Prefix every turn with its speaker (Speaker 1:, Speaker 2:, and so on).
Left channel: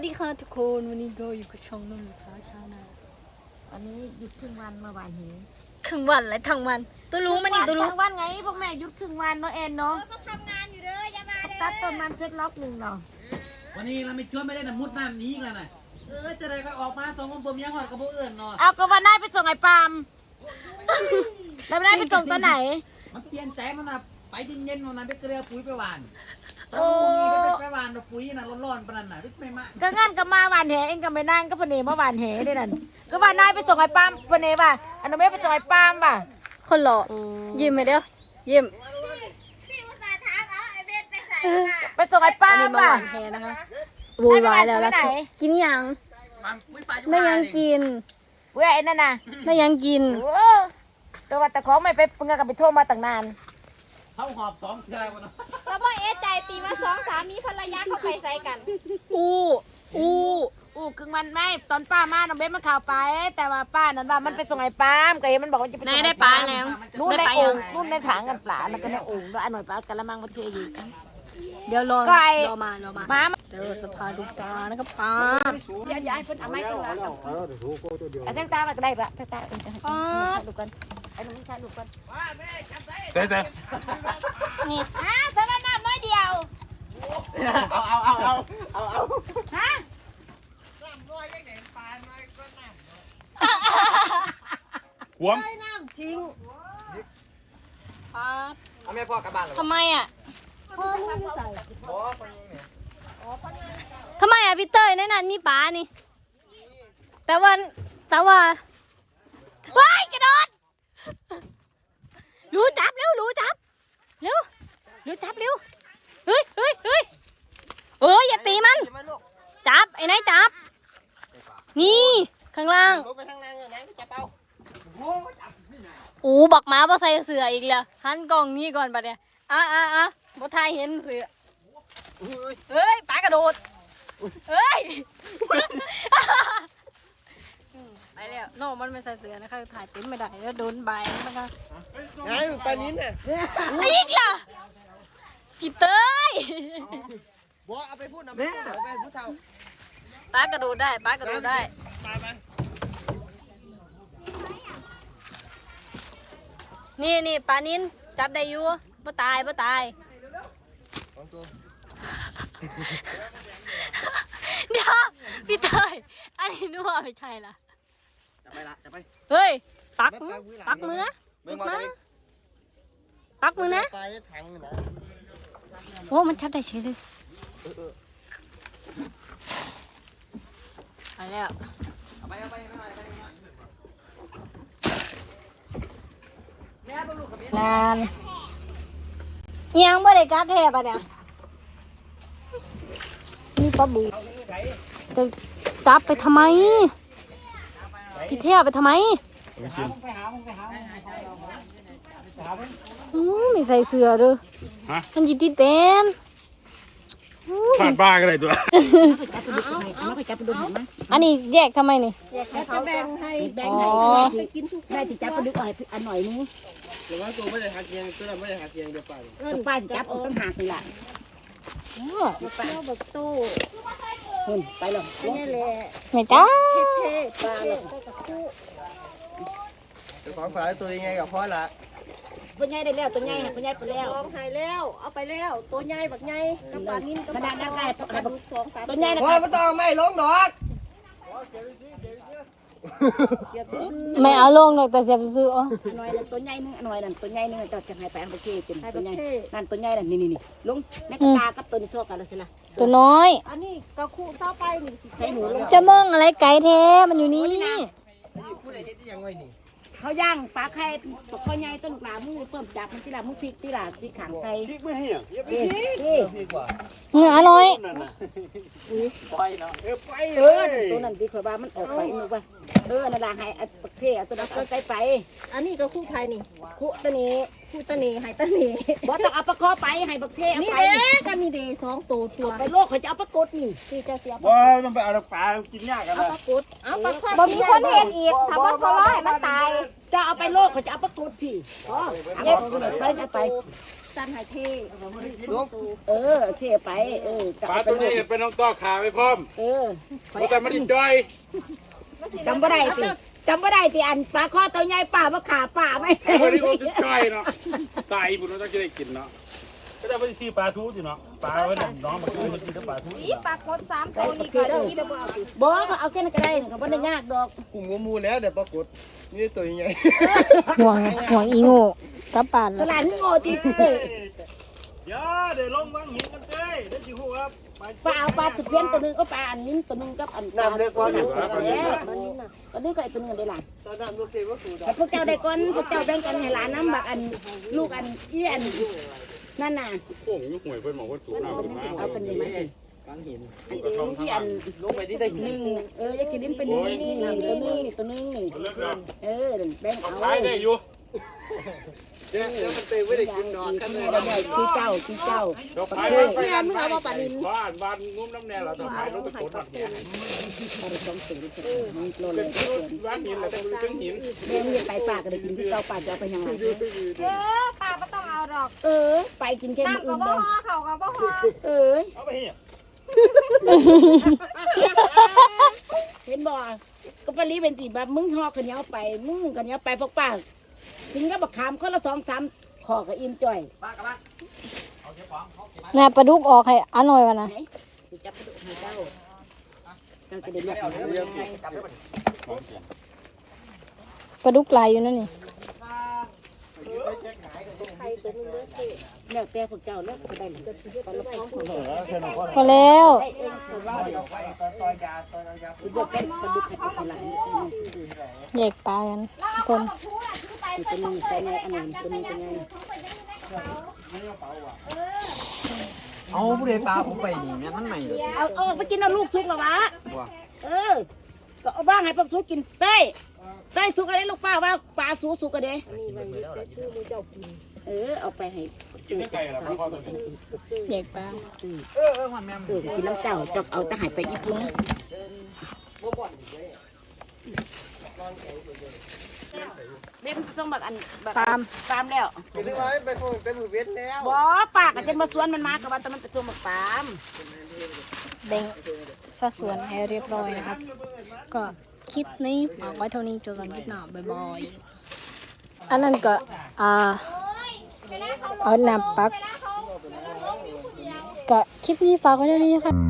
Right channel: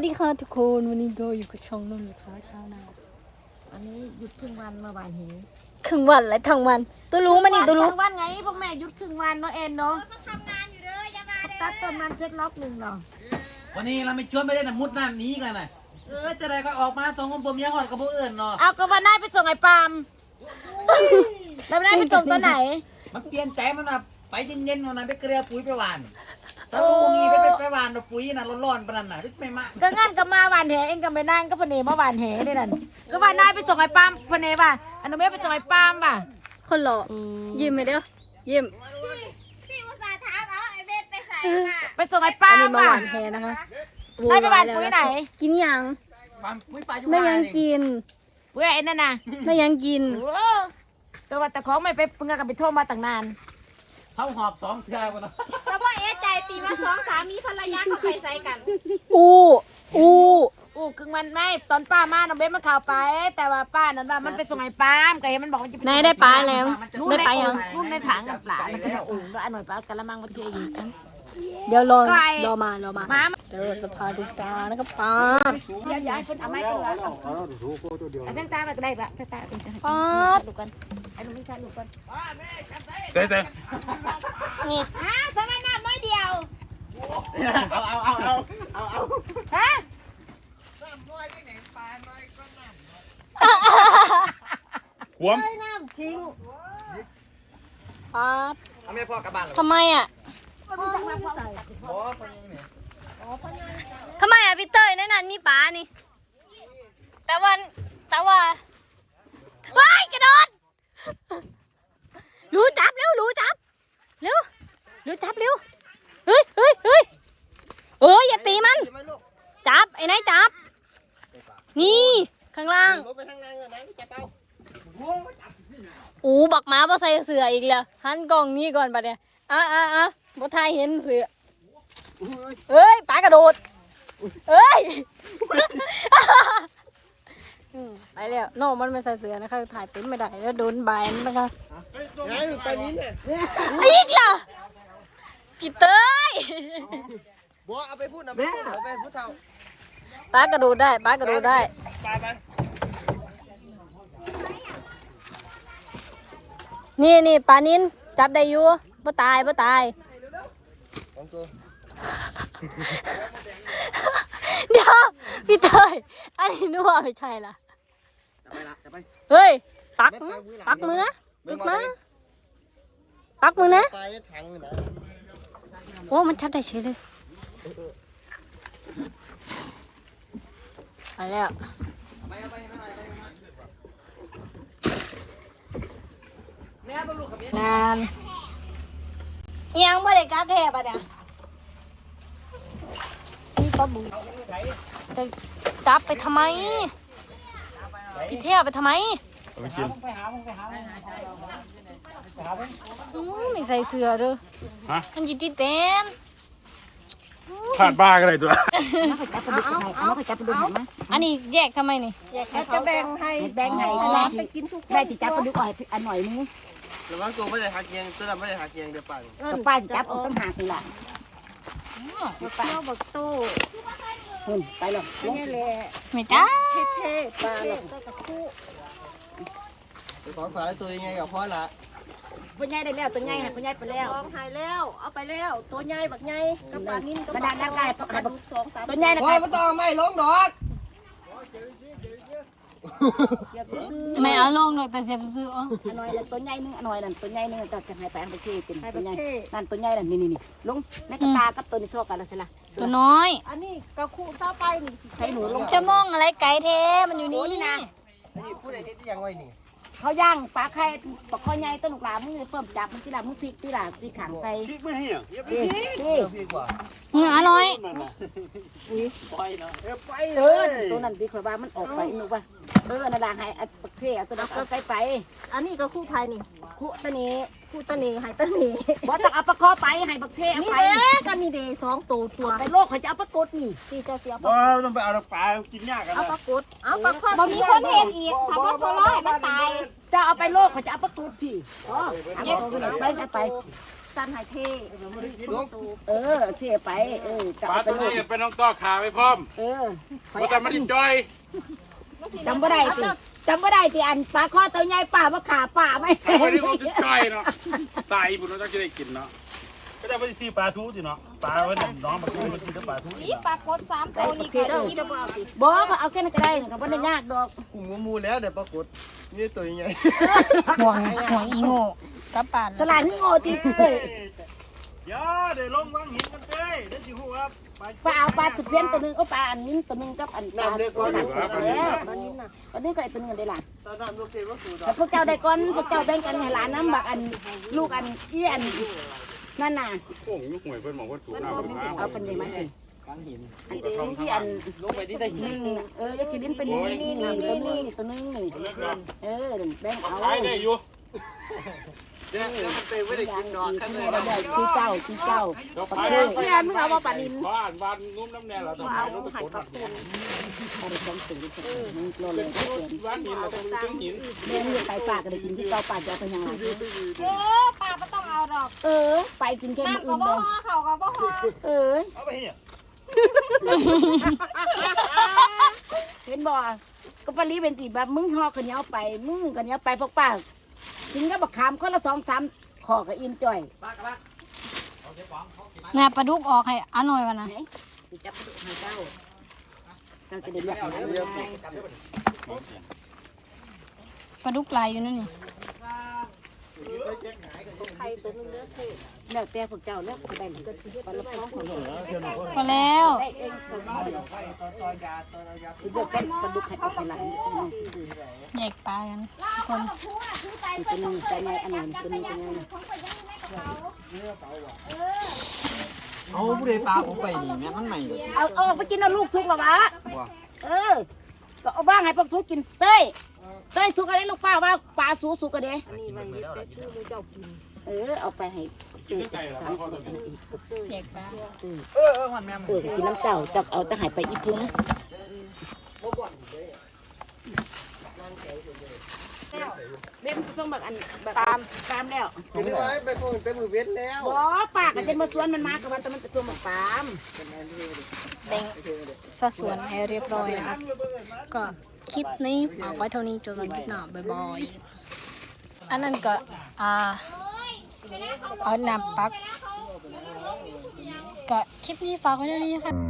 Speaker 1: สวัสดีค่ะทุกคนวันนี้ก็อยู่กับช่องนุ่นลูกสาวชาวนา
Speaker 2: อันนี้หยุดครึ่งวันเมื่อวานนี้
Speaker 1: ครึ่งวันและทั้งวัน ตัวรู้มันนี่ตัวรู้
Speaker 2: ทั้งวันไงพวกแม่หยุดครึ่งวันเนาะเอ็นเนาะเขาตัดต้นมันเช็ดล็อกหนึ่งเหรอ
Speaker 3: วันนี้เราไม่ชวนไม่ได้นะมุดน้ำหนี้กันนะเออจะได้ก็ออกมาตรงคนบ่มีหอดกับพวกอื่นเนาะ
Speaker 2: เอาก็วันนายไปส่งไอ้ปาล์มแล้ววันนายไปส่งตัวไหน
Speaker 4: มันเปลี่ยนใจมันนะไปเย็นๆมันนะไปเกลือปุ๋ยไปหวาน ถ้าพวกนี้ไปไปหวานเอาปุ๋ยน่ะร้อนๆปานนั้นน่ะไม่มา
Speaker 2: ก็งั้นก็มาหวานแหเองก็ไปนั่งก็พเนมาหวานแหด้วยนั่นก็วันนายไปส่งไอ้ปาล์มพเนป่ะอันนั้นไม่ไปส่งไอ้ปาล์มป่ะ
Speaker 1: คนหล่อยิ้มไหมเดียวยิ้ม
Speaker 5: พี่อุตส่าห์ถามเอาไอเบสไปใส่ค่ะ
Speaker 2: ไปส่งไอ้ปา
Speaker 1: อั
Speaker 2: ล์
Speaker 1: น
Speaker 2: ม
Speaker 1: นี้มา
Speaker 2: ป่ะ
Speaker 1: หวานแฮนะคะ
Speaker 2: ได้ไปหวานปุ๋ยไหน
Speaker 1: กินยัง
Speaker 6: หวานปุ๋ยปลาจุ
Speaker 1: ได้ยังกิน
Speaker 2: เว้ยไอ้นั่นน่ะ
Speaker 1: ได้ยังกิน
Speaker 2: โอ้ตัวว่าแต่ของไม่ไปเพิ่งกันไปโทรมาตั้งนาน
Speaker 6: เขาหอบสองเสือวันนะ
Speaker 5: เพราะว่าเอใจตีมาสองสามีภรรยาเขาไปใส่กัน
Speaker 1: อู้อู้
Speaker 2: อู้ครึ่งวันไม่ตอนป้ามาน้องเบสมันข่าวไป แต่ว่าป้านั้นว่ามันไปส่งไอ้ปาล์มก็เห็นมันบอกว่าจะไป
Speaker 1: นายได้ปลาแล้ว
Speaker 2: นู่น
Speaker 1: ได้
Speaker 2: ใน
Speaker 1: ปลา
Speaker 2: โอ่
Speaker 1: ยัง
Speaker 2: งนู่นในถังกันปลาแล้วก็ในโอ่งแล้วเอาหน่อยปลากระมังมาเทอีก
Speaker 1: เดี๋ยวรอ
Speaker 2: ไก่
Speaker 1: รอมารอมา
Speaker 2: มา
Speaker 1: เดี๋ยวเราจะพาดูปลานะครับปลา
Speaker 2: ย้ายย้ายเพิ่นเอาไม้เพิ่นละเอาเอาตั้งตามาก็ได้ละตั้งตาเพิ่นจะให้
Speaker 1: ปลา
Speaker 2: ดูก่อนเอาหนูชายหนูก่อน
Speaker 7: เต้เต้
Speaker 2: อ้าวถ้ามันน้ำน้อยเดียว
Speaker 6: เอาเอาเอาเอาเอาเอา
Speaker 2: ฮะ
Speaker 7: ขวม
Speaker 2: น้ำทิ้ง
Speaker 1: ปลา
Speaker 6: เอาแม่พ่อกลับบ้านเลย
Speaker 1: ทำไมอะ ทำไมอะพี่เต้ยในนั้นมีปลานี่ แต่ว่าแต่ว่าว้ายกระโดดรู้จับเร็วรู้จับเร็วรู้จับเร็วเฮ้ยเฮ้ยเฮ้ยเอ้ยอย่าตีมัน จับไอ้นายจับ นี่ข้างล่าง
Speaker 6: ไปทางล่างเลยนะจับเอา
Speaker 1: โอ้บักหมาบ่ใส่เสืออีกแล้วหันกล้องนี้ก่อนบัดเนี่ยอะอะอะ บ่ทายเห็นเสือเอ้ยปลากระโดด เอ้ยอืมไปแล้วน้องมันไม่ใส่เสือนะคะถ่ายเต็มไม่ได้แล้วโดนใบมันนะคะ
Speaker 6: ไงตอนนี้เนี่ย
Speaker 1: อีกล่ะพี่เต้ย
Speaker 6: บัวเอาไปพูดเอาไปพูดเอาไปพูดเท่า
Speaker 1: ปลากระโดดได้ปลากระโดดได้
Speaker 6: ไปไป
Speaker 1: นี่นี่ปลานินจับได้อยู่บ่ตายบ่ตาย
Speaker 6: ของตัว
Speaker 1: เดี๋ยวพี่เต้ยอันนี้นึกว่าไม่ใช่ล่ะ
Speaker 6: จะไปละจะไป
Speaker 1: เฮ้ยปักมือปักมือนะปักมาปักมือนะ
Speaker 6: ตายถังนะ
Speaker 1: โอ้มันชัดได้เฉยเลยไปแล้ว
Speaker 6: เอาไปเอาไปไม่ไหวไปแม่ต้องลูกกับเมีย
Speaker 2: นาน
Speaker 1: ยังบ่ได้กลับแท้ปะเนี่ยนี่ก็ดีจะจับไปทำไมพี่เที่ยวไปทำไม
Speaker 7: ไปกิน
Speaker 6: ไปหามึงไปหามึงไปหามึง
Speaker 1: อืมไม่ใส่เสื้อเด้อ
Speaker 7: ฮะ
Speaker 1: มันจิติเต้น
Speaker 7: ขาดบ้าก็ได้ตัว
Speaker 2: จับปลาดุกให้เอามาไปจับปลาดุกให้มา
Speaker 1: อันนี้แยกทำไมนี่
Speaker 2: จะแบ่งให้แบ่งให้ได้ที่ได้ที่จับปลาดุกอาให้อันหน่อยนึง
Speaker 6: แต่ว่ากูไม่ได้หักเกียงเตื้อไม่ได้หักเกียงเดี๋ยวไป
Speaker 2: ก็ป้าจะจับเอาตั้งหากนี่ล่ะป้าหุ่นไปเลยนี่แหละ
Speaker 1: ไม่จ้า
Speaker 2: ปลาเลย
Speaker 6: ขอสายตัวยังไงกับพ่อละ
Speaker 2: ตัวใหญ่ได้แล้วตัวใหญ่ตัวใหญ่ไปแล้ว
Speaker 8: ลองหายแล้ว เอาไปแล้ว ตัวใหญ่บักใหญ่กับปลานิ่นกับ
Speaker 2: กระดานนั้นได้ตัว
Speaker 8: ปลาดุกสองสาม
Speaker 2: ตัวใหญ่นะ
Speaker 6: พ่อ
Speaker 2: คะ
Speaker 6: ไม่ต้องไม่ลงดอก
Speaker 1: ไม่เอาลงเลยแต่เสียบซื้ออ๋อ
Speaker 2: หน่อยละตัวใหญ่นึงหน่อยนั่นตัวใหญ่นึงจะจะให้แปลงไปชื่อเป็นตัวใหญ่นั่นตัวใหญ่นั่นนี่นี่นี่ลุงแม่กระตากับตัวนี้ชอบกันแล้วใช่ไหม
Speaker 1: ตัวน้อย
Speaker 8: อันนี้กระคู่เข้าไปนี่สิ
Speaker 2: ใช้หนูลง
Speaker 1: จะมองอะไรไกลแท้มันอยู่นี่
Speaker 6: พูดอะไรจะยังไงนี่
Speaker 2: เขาย่างปลาไข่ปลาข้อใหญ่ต้นหลามึงเพิ่มจับมันที่หลามึงพริกที่หลาที่ขังใส่
Speaker 7: พริกไม่เหี้ยอย่าไป
Speaker 2: นี่นี่
Speaker 6: พี่กว่า
Speaker 1: เหนือน้อย
Speaker 7: นั่นน่ะ
Speaker 6: ไปเนาะ
Speaker 7: เออไป
Speaker 2: เอ
Speaker 7: เล
Speaker 2: อยตัวนั้นดีกว่ามันออกไปนึกว่าเออนั่นละให้อัดปลาเข่ตัวนั้นก็ใส่ไป
Speaker 8: อันนี้กระคู่ไทยนี่
Speaker 2: คุตัวนี้
Speaker 8: คู่ตะหนีหายตะหนี
Speaker 2: บ่ต้องเอาปลาคอไปให้ปลาเข่
Speaker 8: นี่
Speaker 2: ไป
Speaker 8: เด้กันนี่เด้สองตัวตัว
Speaker 2: ไปโลกเขาจะเอาปลากดนี่ที่จะเสีย
Speaker 7: ว้าต้องไปเอาปลากินยากกัน
Speaker 8: เอา
Speaker 7: นะ
Speaker 8: ปลากดเอาปลาคอบ่มีคนเห็นอีกถ้าว่าพอร้อยมันตาย
Speaker 2: จะเอาไปโลกเขาจะเอาปลากดพี่อ๋อเอาไปไปไป
Speaker 9: ตันหายเท
Speaker 6: ลุง
Speaker 9: เออเทไปเออจะ
Speaker 7: ปลา
Speaker 9: เอาไป
Speaker 7: ตัว
Speaker 9: เล
Speaker 7: นี้
Speaker 9: ย
Speaker 7: เป็นน้องต่อขาไปพร้อม
Speaker 9: เออ
Speaker 7: เพราะแต่มันดิจ้อย
Speaker 9: จำบ่ได้สิจำบ่ได้สิอันปลาข้อตัวใหญ่ป่ามาขาป่าไหม
Speaker 7: แต่วันนี้ผมจะจ้อยเนาะตายบุญเราต้องจะได้กินเนาะก็จะไปซื้อปลาทูสิเนาะปลาวันนี้น้องมาซื้อมันกินแต่ปลาทู
Speaker 2: นี่ปลากดสามตัวนี่
Speaker 9: โอเค
Speaker 2: ก็
Speaker 9: เด้อ
Speaker 2: กินบ่เอาสิ
Speaker 9: บอกก็เอาแค่นั้นก็ได้ก็บ่ได้ยากดอก
Speaker 6: กูมูมูแล้วเดี๋ยวปรากฏนี่ตัวใหญ่
Speaker 1: ห่วงห่วงอีงูกลับป่าน
Speaker 9: สลานนี่โง่จริงเลย
Speaker 6: อย่าเดี๋ยวลงวางหินกันเต้เดี๋ยวสิหัว
Speaker 9: ปลาเอาปลาสุดเพี้ยนตัวหนึงก็ปลาอันนี้ตัวหนึงกับอัน
Speaker 6: น้ำเล็กกว่า
Speaker 9: หนั
Speaker 6: น้ำ
Speaker 9: ก
Speaker 6: เล็กกว่า
Speaker 9: แล้วตอนนี้ก็ไอ้ตัวหนึงได้หลาน
Speaker 6: ตอนนั้นลูกเก็บว่าสูด
Speaker 9: แต่พวกเจ้าได้ก่อนพวกเจ้าแบ่งกันให้หลานน้ำบักอันลูกอันอี้อันนั่นน่ะ
Speaker 7: โอ้ยห่วยเพิ่นบอกว่าสูงเอาขึ้นมา
Speaker 9: เอาเป็นยังไงเป็นอันเดียวที่อันลงไปที่ได้หนึ่งเอออยากกินลิ้นเป็นนี่นี่นี่ตัวนึงนี่ตัวนึงนี่เออแบ่งเอา
Speaker 7: ได้อยู่
Speaker 6: เดี๋ยวมันเตะไม่ได้า
Speaker 9: ที่เจ้าที่เจ้า
Speaker 7: ไป
Speaker 8: เพื่อนมึงเอามาปนิน
Speaker 7: บ้านบ้านนุ่มน้ำแน่เราต้องไปรถไปกด
Speaker 9: บริการสิ่งที่โลเลยเกิน
Speaker 7: บ้านหินเราต้องถึงหิน
Speaker 9: เรื่องนี้ไปปากก็ได้กินที่เจ้าปากจะไปยังไง
Speaker 2: เออปลาไม่ต้องเอาดอก
Speaker 9: เออ ไปกินแค่มื้อ
Speaker 2: น้ำก็
Speaker 9: อื่นเลย
Speaker 2: เขาก็บ่ห่อ
Speaker 9: เออ
Speaker 6: เห็
Speaker 9: นบ่ก็ปลีเป็นสิแบบมึงหอข้าวเหนียวไปมึงข้าวเหนียวไปพวกป้า กินก็บักขามคนละสองสามขอก็อิ่มจ่อย
Speaker 1: น่ะปลาดุกออกให้อันหน่อยวะนะ
Speaker 9: สิจับกระดูกให้เจ้าเจ้าจะได้เลือกเอาได้ไง
Speaker 1: ปลาดุกลายอยู่นั่นนี่
Speaker 9: แล้วแต่พวกเจ้าแล้วก็ได้ก็ปลาลูกน้องของเรา
Speaker 1: พอแล้ว
Speaker 9: ได้เองแต่ว่า
Speaker 6: เอาไปตอนตอนยาตอนเอายา
Speaker 9: สิเลือกเป็นปลาดุกให้เอาไปหลัง
Speaker 1: แยกปลากันทุกคน
Speaker 9: คือตัวนี้ใจไงอันนั้นตัวนี้ตัวนี้
Speaker 6: เอาผู้ใดปลาผมไปนี่เนี่ยมันใหม่เลย
Speaker 9: เอาเอาออกไปกินเอาลูกสุกหรอวะเออ ก็เอาบ้างให้พวกสุกกินเต้ยเต้ยสุกอะไรลูกป้าว่าปลาสุกสุกกันเด้เออเอาไปให้
Speaker 7: กินได้ไก่แล้วพอตัวนี้
Speaker 1: แยกปลา
Speaker 6: เออเออมันแม่
Speaker 9: เออกินน้ำเจ้าจะเอาตะหายไปอีพุง
Speaker 6: บ่บ่อน เลย
Speaker 9: เว้นต้องแบบอันแบบตามตามแล้ว
Speaker 6: กินได้ไปคงเป็นมือเว้นแล้ว
Speaker 9: บ่ปากกันจนมาสวนมันมากับมันแต่มันจะตัวหมกตาม
Speaker 1: เบ่งสัดส่วนให้เรียบร้อยนะครับ ก็คลิปนี้ฝากไว้เท่านี้จอกันคลิปหน้าบ่อยๆอันนั้นก็อ่าเอาน้ำปักก็คลิปนี้ฝากไว้เท่านี้นะคะ